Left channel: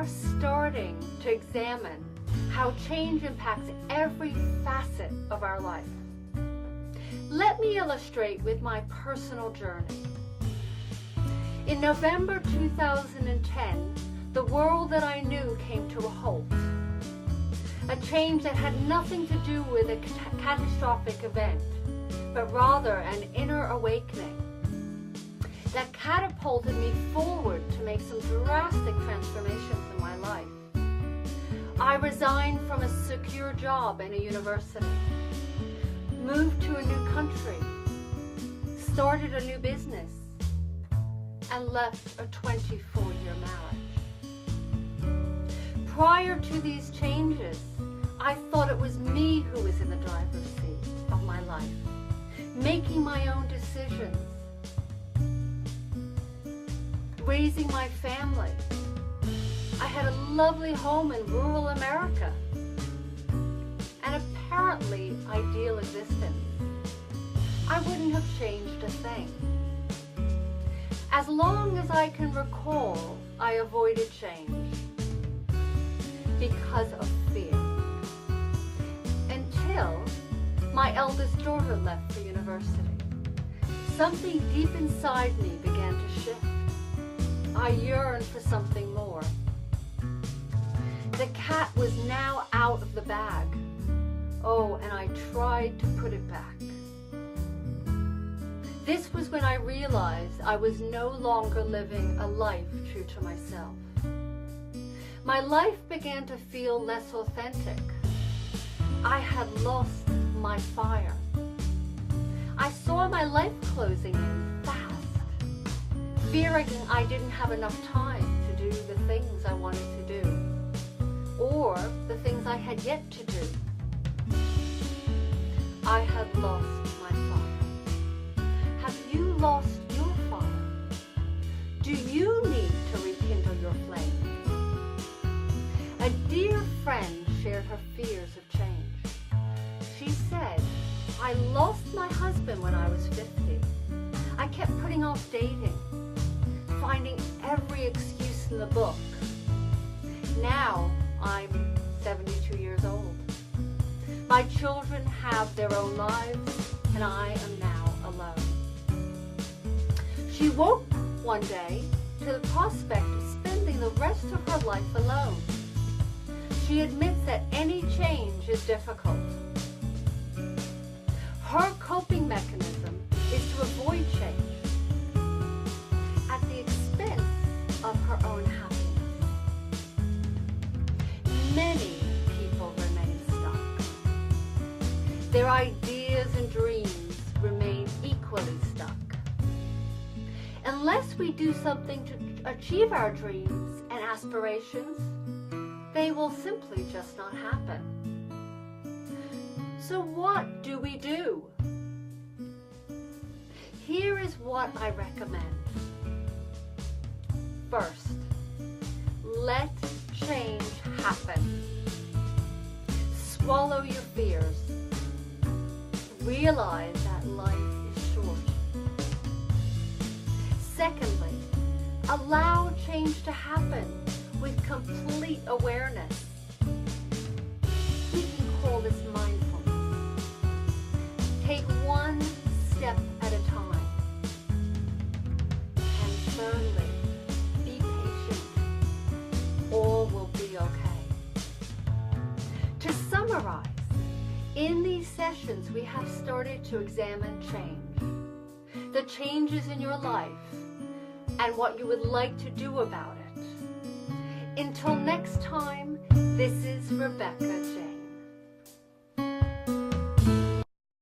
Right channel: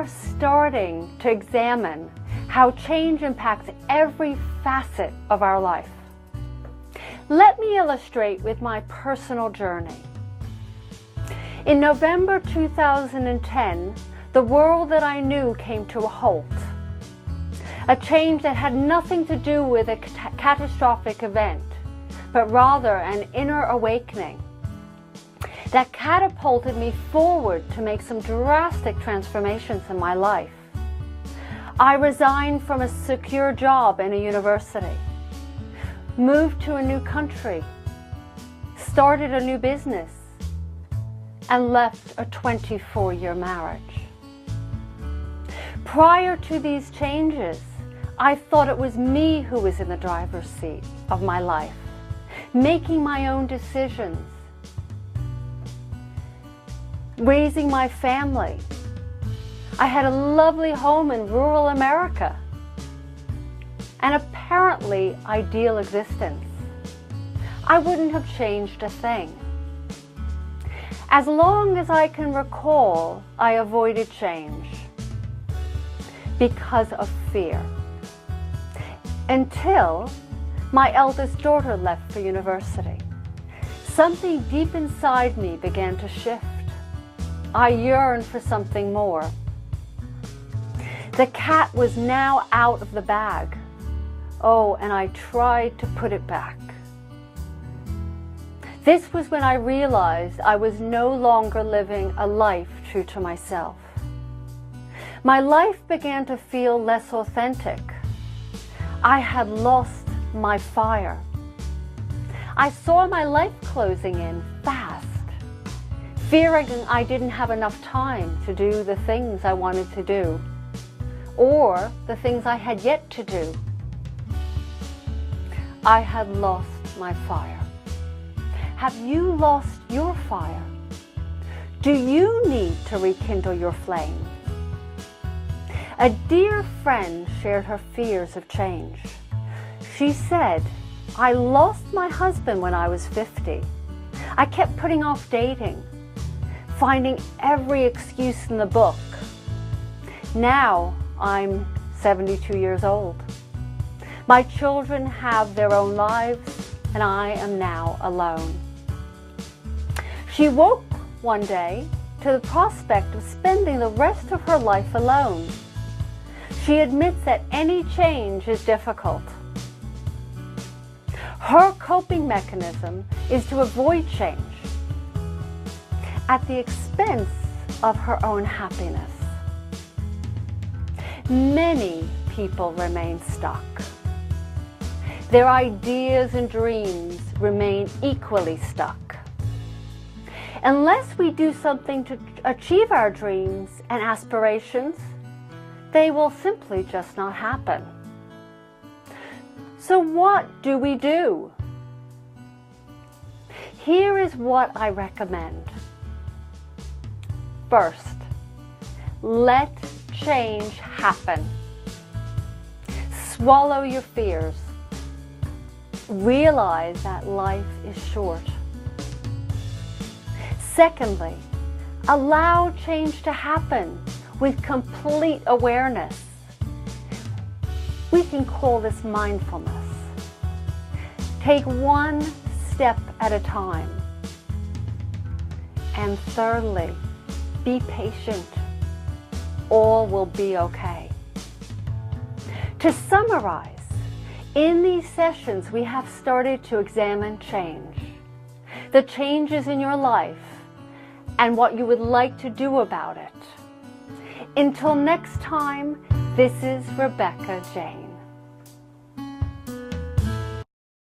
are starting to examine how change impacts every facet of our life. Let me illustrate with my personal journey. In November 2010, the world that I knew came to a halt. A change that had nothing to do with a catastrophic event, but rather an inner awakening that catapulted me forward to make some drastic transformations in my life. I resigned from a secure job in a university, moved to a new country, started a new business, and left a 24-year marriage. Prior to these changes, I thought it was me who was in the driver's seat of my life, making my own decisions, raising my family. I had a lovely home in rural America, an apparently ideal existence. I wouldn't have changed a thing. As long as I can recall, I avoided change because of fear. Until my eldest daughter left for university. Something deep inside me began to shift. I yearned for something more. The cat was now out of the bag. Oh, and I tried to put it back. This was when I realized I was no longer living a life true to myself. My life began to feel less authentic. I had lost my fire. I saw my life closing in fast, fearing I didn't have enough time to do the things I wanted to do, or the things I had yet to do. I had lost my fire. Have you lost your fire? Do you need to rekindle your flame? A dear friend shared her fears of change. She said, I lost my husband when I was 50. I kept putting off dating, finding every excuse in the book. Now I'm 72 years old. My children have their own lives, and I am now alone. She woke one day to the prospect of spending the rest of her life alone. She admits that any change is difficult. Her coping mechanism is to avoid change at the expense of her own happiness. Many people remain stuck. Their ideas and dreams remain equally stuck. Unless we do something to achieve our dreams and aspirations, they will simply just not happen. So what do we do? Here is what I recommend. First, let change happen. Swallow your fears. Realize that life is short. Secondly, allow change to happen with complete awareness. We can call this mindfulness. Take one step at a time. And thirdly, be patient. All will be okay. To summarize, in these sessions we have started to examine change, the changes in your life, and what you would like to do about it. Until next time, this is Rebecca Jane.